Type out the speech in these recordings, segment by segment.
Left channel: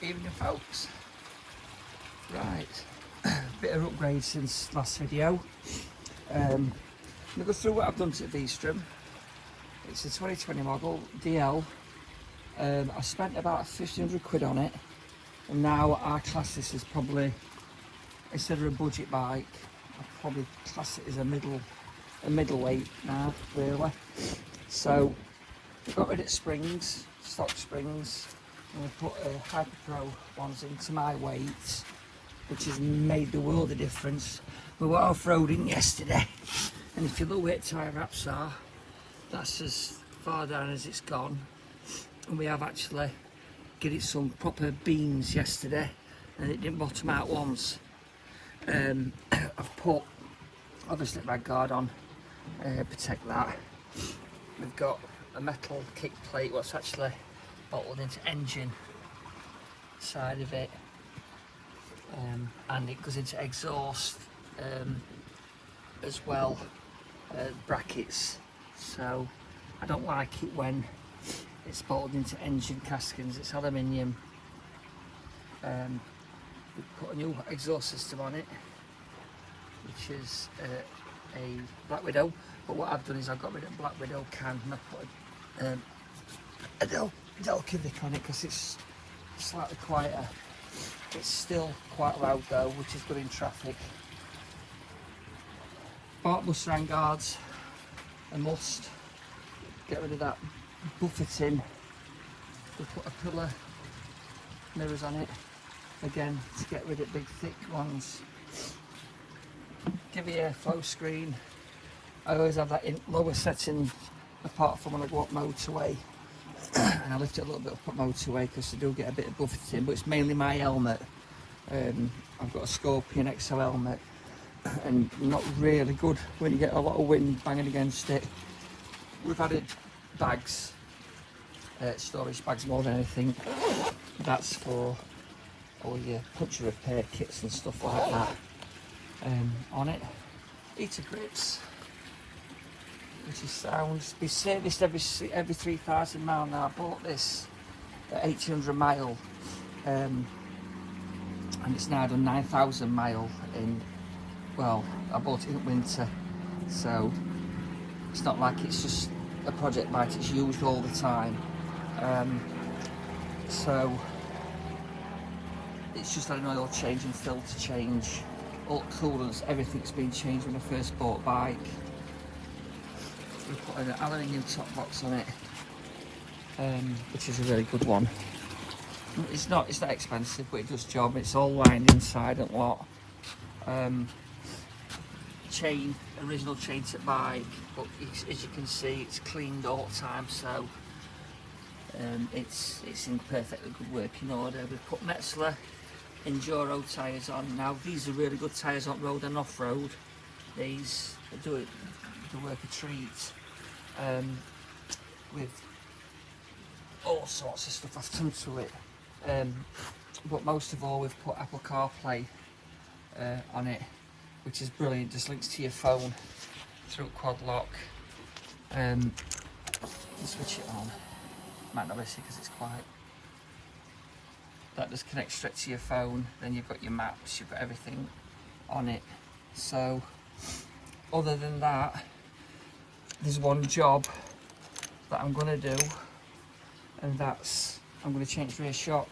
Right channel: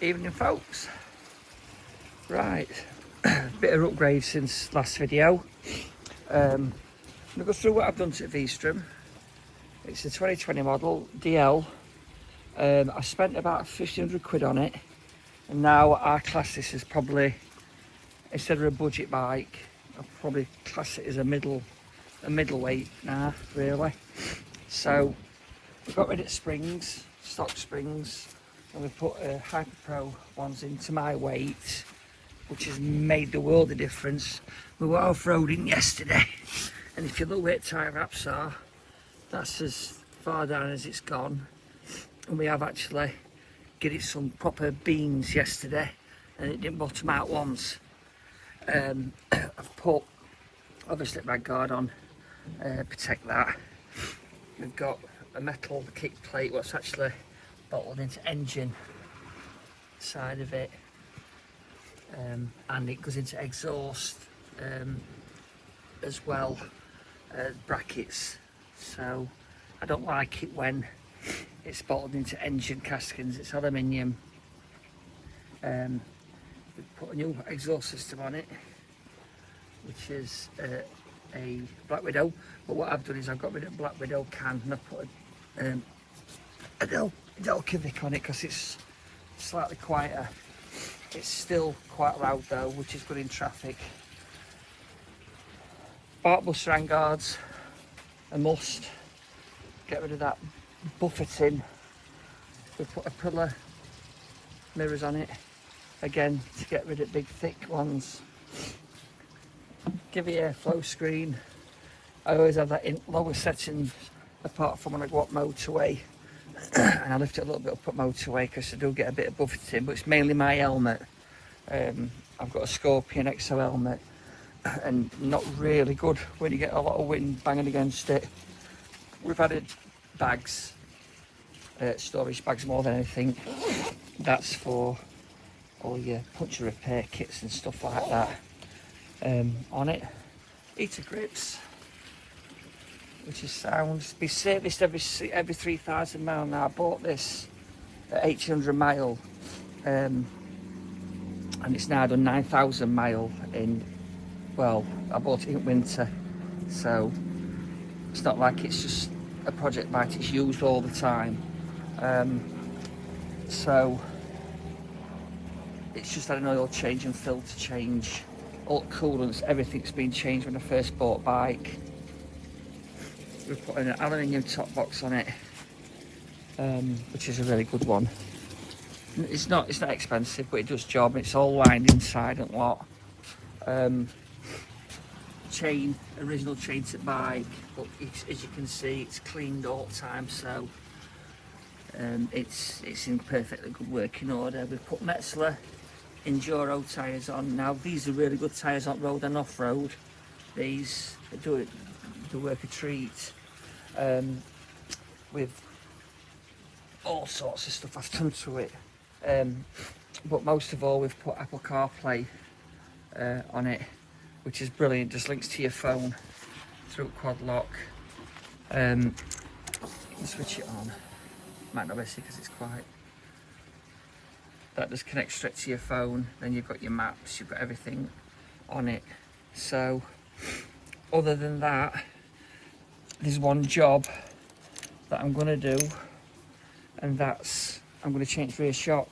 Evening folks. Right, bit of upgrade since last video. I'm gonna go through what I've done to the Vstrom. It's a 2020 model DL. I spent about 1,500 quid on it, and now I class this as probably, instead of a budget bike, I'll probably class it as a middleweight now, really. So I got rid of springs, stock springs, and we put Hyper Pro ones into my weight, which has made the world of difference. We were off-roading yesterday, and if you look where tyre wraps are, that's as far down as it's gone. And we have actually given it some proper beans yesterday, and it didn't bottom out once. I've put obviously my guard on, protect that. We've got a metal kick plate, what's actually bolted into engine side of it, and it goes into exhaust as well, brackets. So I don't like it when it's bolted into engine castings. It's aluminium. We've put a new exhaust system on it, which is a Black Widow. But what I've done is I've got rid of Black Widow can, and I've put a Del Civic on it because it's slightly quieter. It's still quite loud though, which is good in traffic. Bought bus rain guards, a must. Get rid of that buffeting. We put a pillar mirrors on it again to get rid of big thick ones. Give you a flow screen. I always have that in lower setting apart from when I go up motorway, and I lift it a little bit up at motorway because I do get a bit of buffeting, but it's mainly my helmet. I've got a Scorpion XO helmet, and not really good when you get a lot of wind banging against it. We've added bags, storage bags more than anything. That's for all your puncture repair kits and stuff like that. On it, heater grips, which is sound. Be serviced every 3,000 miles. Now I bought this at 1,800 mile, and it's now done 9,000 mile in. Well, I bought it in winter, so it's not like it's just a project bike. It's used all the time. So it's just had an oil change and filter change. All coolants, everything's been changed when I first bought bike. We've put an aluminium top box on it, which is a really good one. It's not expensive, but it does job. It's all lined inside and lot. Chain, original chain to bike, but as you can see, it's cleaned all the time, so it's in perfectly good working order. We've put Metzler Enduro tyres on. Now these are really good tyres on road and off road. These do work a treat, with all sorts of stuff I've done to it, but most of all we've put Apple CarPlay on it, which is brilliant. Just links to your phone through quad lock. Switch it on. Might not be see because it's quite. That just connects straight to your phone. Then you've got your maps. You've got everything on it. So, other than that, there's one job that I'm going to do, and that's I'm going to change rear shock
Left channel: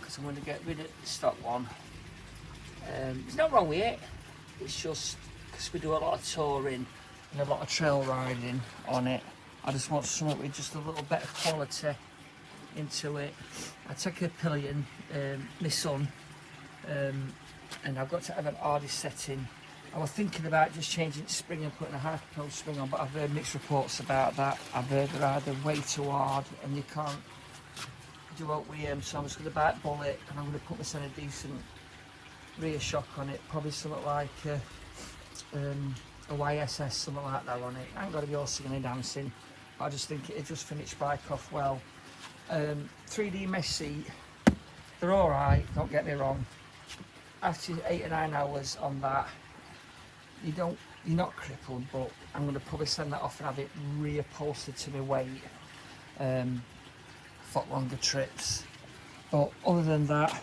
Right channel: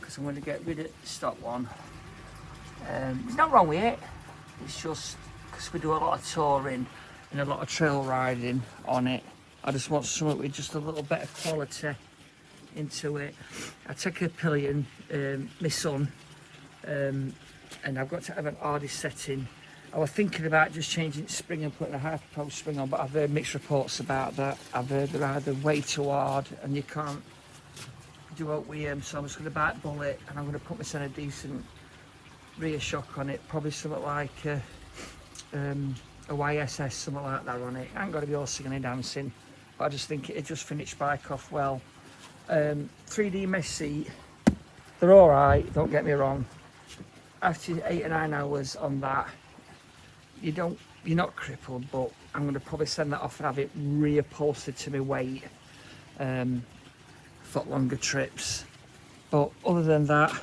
because I'm going to get rid of the stock one. There's nothing wrong with it. It's just because we do a lot of touring and a lot of trail riding on it. I just want something with just a little better quality into it. I took a pillion, my son, and I've got to have an hardy setting. I was thinking about just changing the spring and putting a Hyper Pro spring on, but I've heard mixed reports about that. I've heard they're either way too hard and you can't do out with them, so I'm just going to bite bullet and I'm going to put myself a decent rear shock on it, probably something like a YSS, something like that on it. I ain't got to be all singing and dancing, but I just think it'd just finish bike off well. 3D mesh seat, they're alright, don't get me wrong. After 8 or 9 hours on that, you're not crippled, but I'm going to probably send that off and have it reupholstered to my weight for longer trips. But other than that,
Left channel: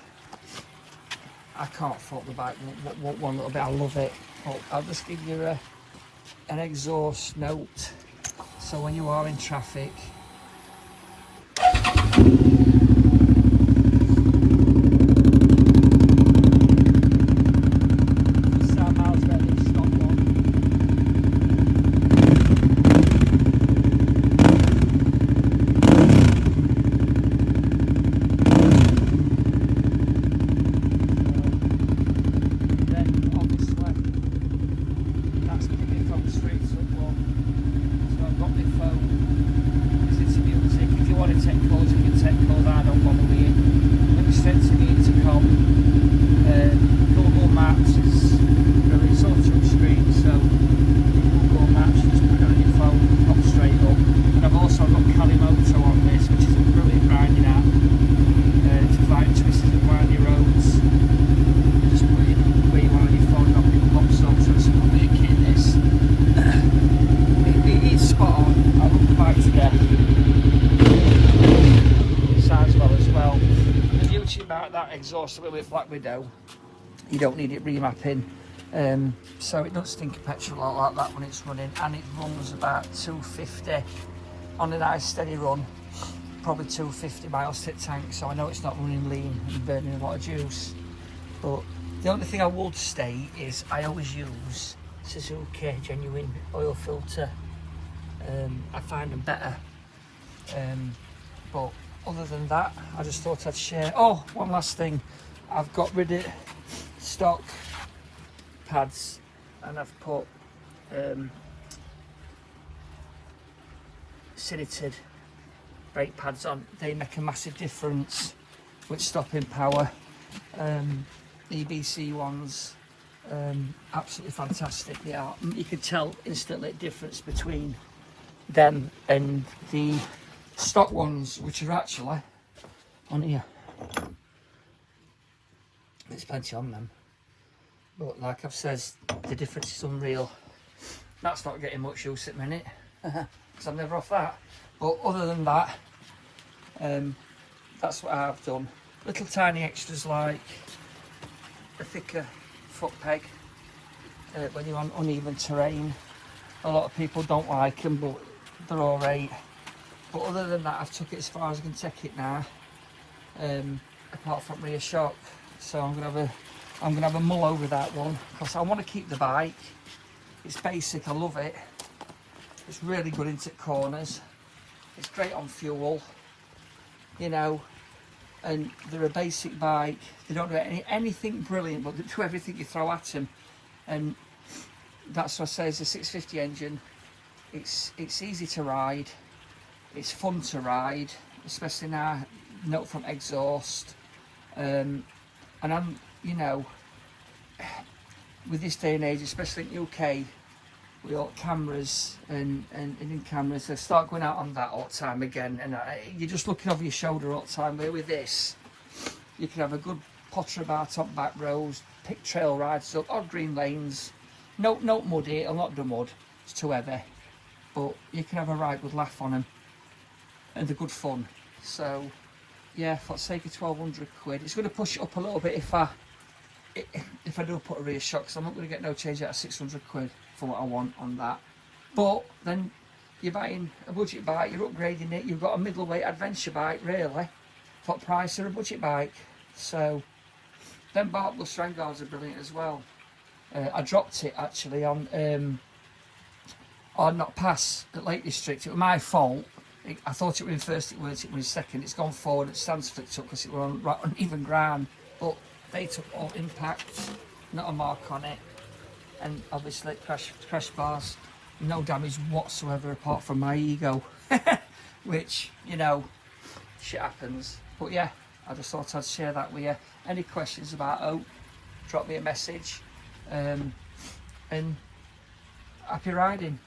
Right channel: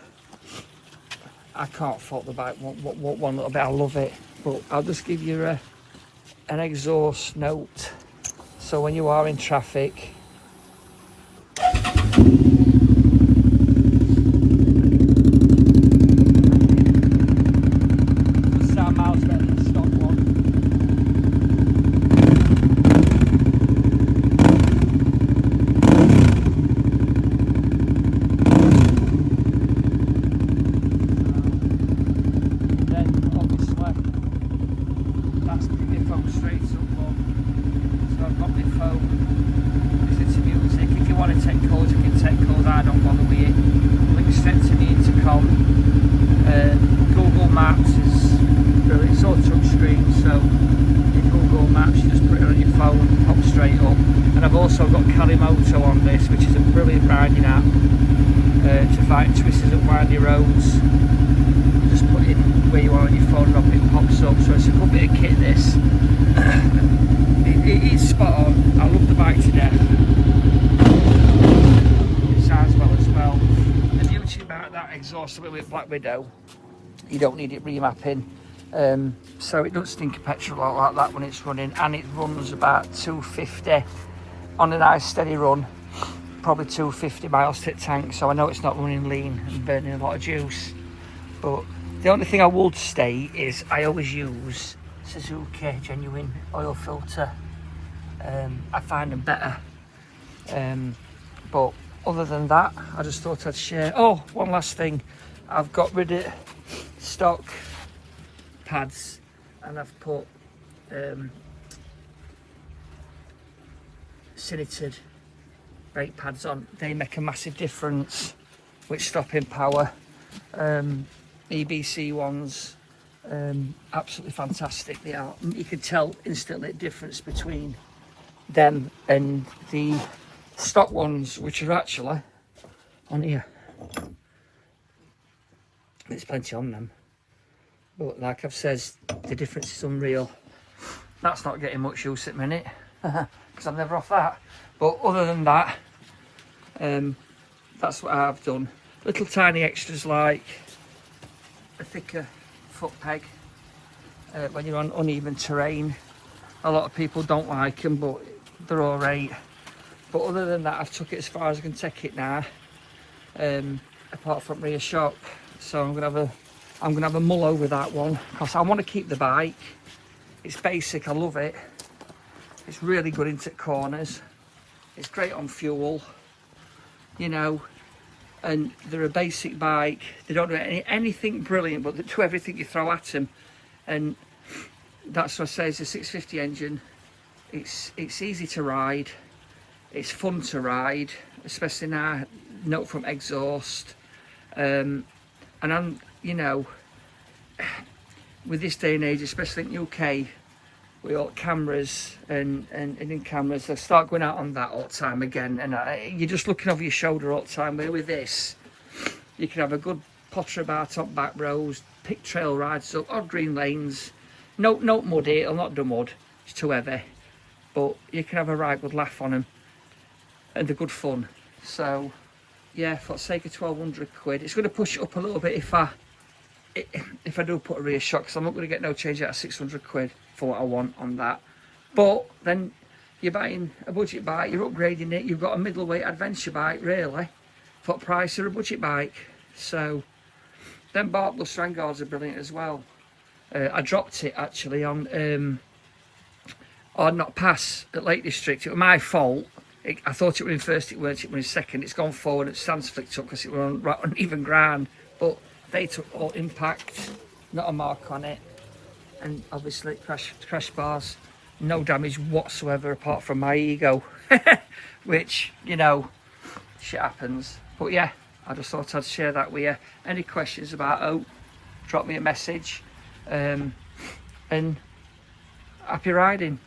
I can't fault the bike one little bit. I love it. But I'll just give you an exhaust note. So when you are in traffic, exhaust with Black Widow, you don't need it remapping, so it doesn't stink of petrol like that when it's running, and it runs about 250 on a nice steady run, probably 250 miles to the tank. So I know it's not running lean and burning a lot of juice, but the only thing I would state is I always use Suzuki genuine oil filter. I find them better, but other than that, I just thought I'd share. Oh, one last thing, I've got rid of stock pads and I've put sinited brake pads on. They make a massive difference with stopping power. EBC ones, absolutely fantastic they are. You can tell instantly the difference between them and the stock ones, which are actually on here. There's plenty on them, but like I've said, the difference is unreal. That's not getting much use at the minute because I'm never off that. But other than that, that's what I've done. Little tiny extras like a thicker foot peg when you're on uneven terrain. A lot of people don't like them, but they're all right. But other than that, I've took it as far as I can take it now, apart from rear shock. So I'm gonna have a mull over that one because I want to keep the bike. It's basic, I love it. It's really good into corners. It's great on fuel, you know, and they're a basic bike. They don't do anything brilliant, but they do everything you throw at them. And that's what I say, it's a 650 engine. It's easy to ride. It's fun to ride, especially now, note from exhaust. And I'm, you know, with this day and age, especially in UK, with all cameras and in cameras, they start going out on that all the time again. And you're just looking over your shoulder all the time. Where with this, you can have a good potter about top back roads, pick trail rides up, odd green lanes. No muddy, it'll not do mud, it's too heavy. But you can have a right good laugh on them. And they're good fun. So yeah, for the sake of 1200 quid, it's going to push it up a little bit if I do put a rear shock, because I'm not going to get no change out of 600 quid for what I want on that. But then you're buying a budget bike, you're upgrading it, you've got a middleweight adventure bike really for the price of a budget bike. So then Bartlett Strandguards are brilliant as well. I dropped it actually on not pass at Lake District. It was my fault. I thought it was in first, it weren't, it was in second. It's gone forward, it stands flicked up because it was on even ground. But they took all impact, not a mark on it. And obviously crash bars, no damage whatsoever apart from my ego. Which, you know, shit happens. But yeah, I just thought I'd share that with you. Any questions about Oak, drop me a message. And happy riding.